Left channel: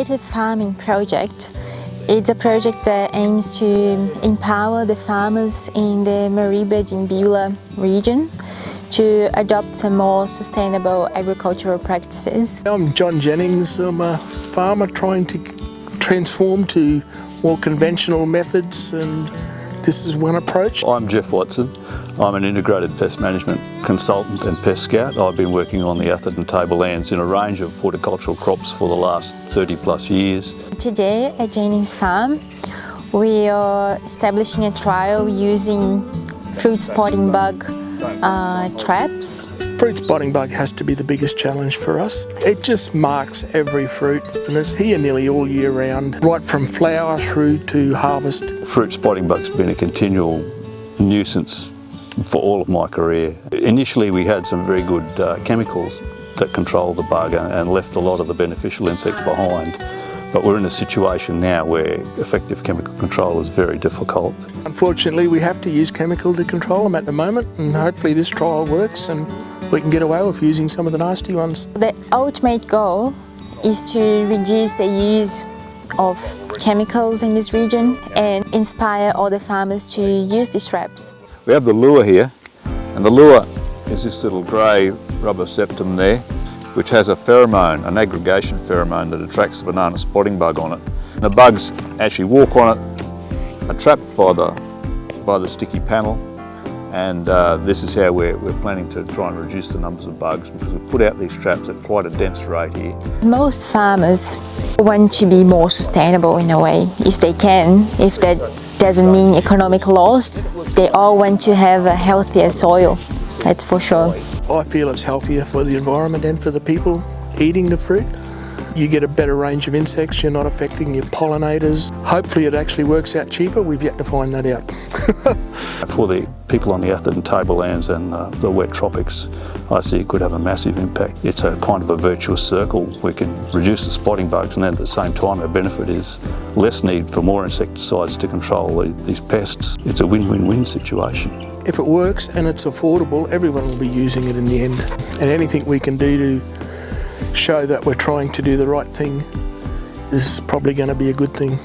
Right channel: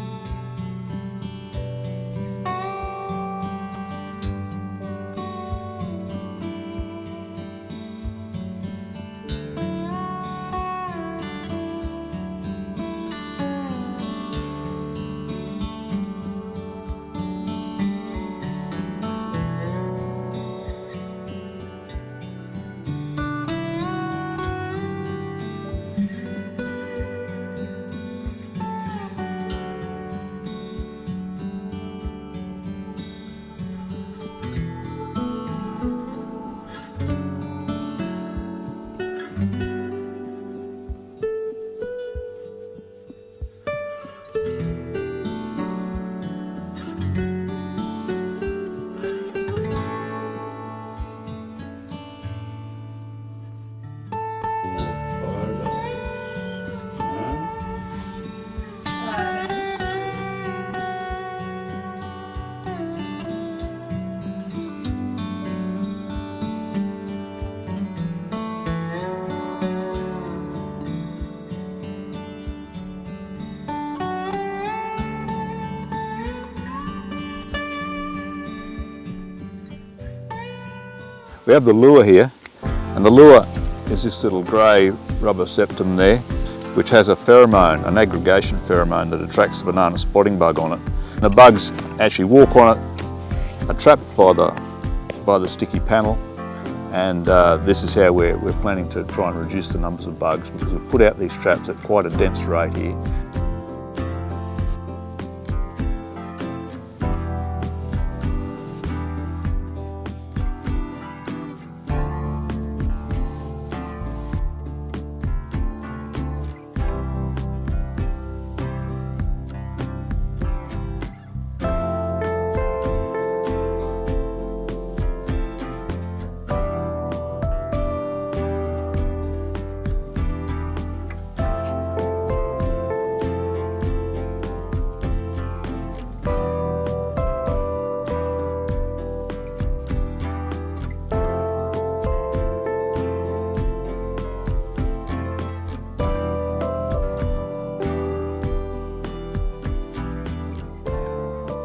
integrated farming project. It's a project that aims to empower the farmers in the Mareeba region to adopt some more sustainable agricultural practices. I'm John Jennings. I'm a farmer trying to transform to more conventional methods, and this is one approach. I'm Jeff Watson. I'm an integrated pest management consultant and pest scout. I've been working on the Atherton tablelands in a range of horticultural crops for the last 30 plus years. Today at Jennings Farm, we are establishing a trial using fruit spotting bug traps. Fruit spotting bug has to be the biggest challenge for us. It just marks every fruit and it's here nearly all year round, right from flower through to harvest. Fruit spotting bug's been a continual nuisance for all of my career. Initially we had some very good chemicals that controlled the bug and left a lot of the beneficial insects behind. But we're in a situation now where effective chemical control is very difficult. Unfortunately, we have to use chemical to control them at the moment, and hopefully this trial works and we can get away with using some of the nasty ones. The ultimate goal is to reduce the use of chemicals in this region and inspire other farmers to use these traps. We have the lure here, and the lure is this little grey rubber septum there, which has a pheromone, an aggregation pheromone that attracts the banana spotting bug on it. And the bugs actually walk on it, are trapped by the sticky panel, and this is how we're planning to try and reduce the numbers of bugs, because we put out these traps at quite a dense rate here. Most farmers want to be more sustainable in a way, if they can. If that doesn't mean economic loss, they all want to have a healthier soil, that's for sure. I feel it's healthier for the environment and for the people eating the fruit. You get a better range of insects, you're not affecting your pollinators. Hopefully it actually works out cheaper, we've yet to find that out. For the people on the Atherton tablelands and the wet tropics, I see it could have a massive impact. It's a kind of a virtuous circle. We can reduce the spotting bugs, and at the same time the benefit is less need for more insecticides to control these pests. It's a win-win-win situation. If it works and it's affordable, everyone will be using it in the end. And anything we can do to show that we're trying to do the right thing is probably going to be a good thing.